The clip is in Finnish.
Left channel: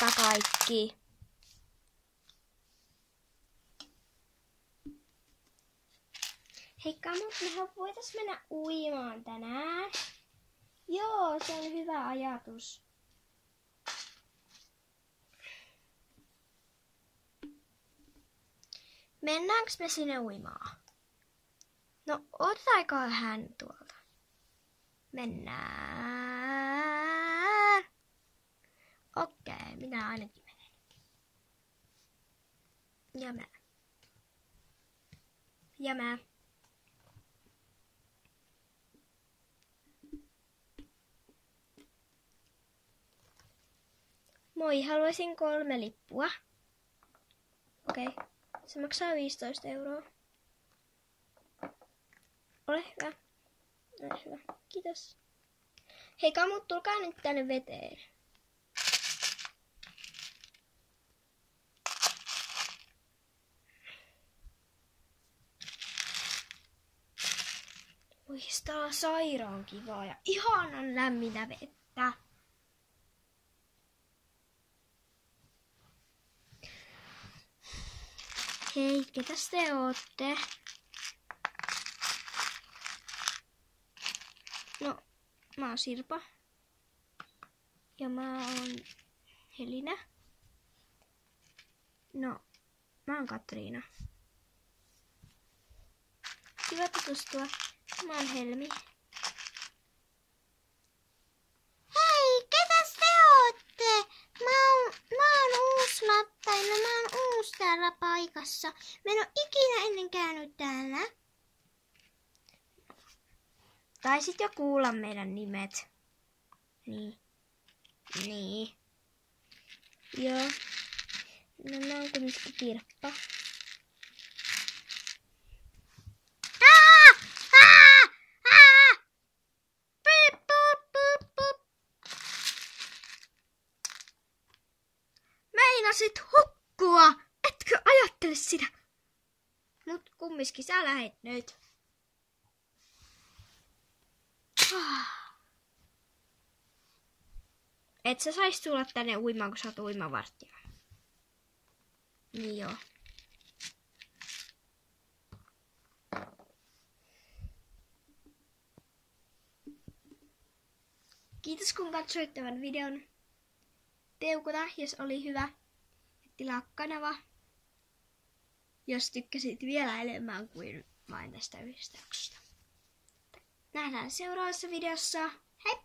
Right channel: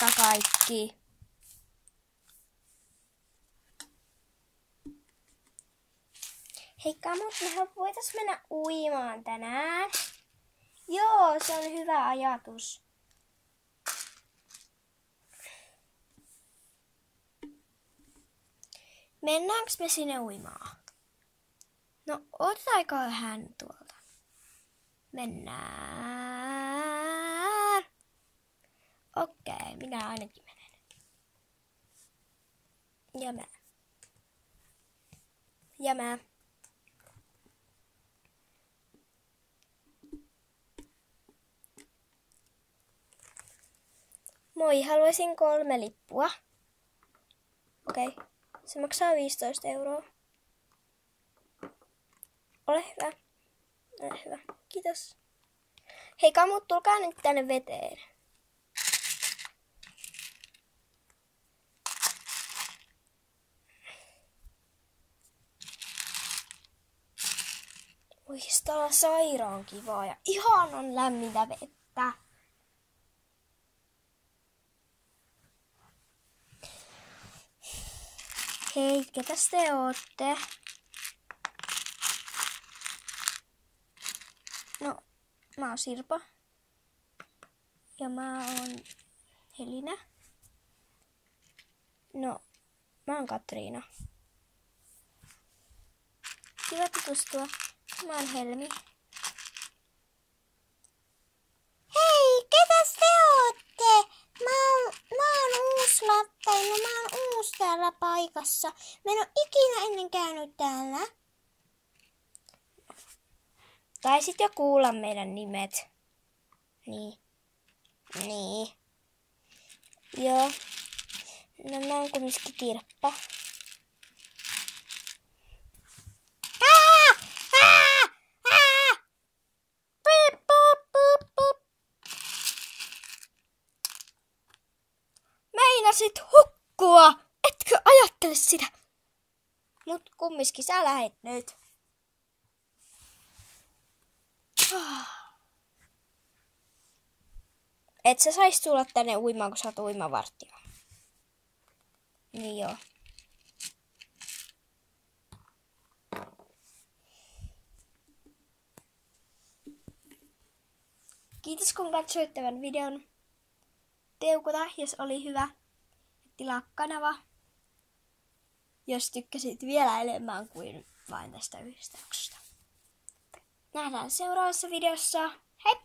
Moikka kaikki! Heikka, mutta mehän voitais mennä uimaan tänään. Joo, se on hyvä ajatus. Mennäänkö me sinne uimaan? No, otetaanko hän tuolta? Mennään. Okei, minä ainakin menen. Ja mä. Moi, haluaisin 3 lippua. Okei, se maksaa 15 €. Ole hyvä. Ole hyvä. Kiitos. Hei kamut, tulkaa nyt tänne veteen. Oi, tää on sairaan kivaa ja ihanan lämmintä vettä. Hei, ketäs te ootte? No, mä oon Sirpa. Ja mä oon Helina. No, mä oon Katriina. Kiva tutustua. Mä oon Helmi. Hei, ketäs te ootte? Mä oon uusi Lattaina, mä oon uusi täällä paikassa. Mä en oo ikinä ennen käynyt täällä. Taisit jo kuulla meidän nimet. Niin. Joo. No mä oon kumminkin Kirppa. Meinasit hukkua! Etkö ajattele sitä? Mut kumminkin sä lähet nyt. Et sä sais tulla tänne uimaan, kun sä oot uimavartija. Niin joo. Kiitos kun katsoit tämän videon. Teukuta, jos oli hyvä. Tilaa kanava, jos tykkäsit vielä enemmän kuin vain tästä yhdestä jaksosta. Nähdään seuraavassa videossa. Heippa!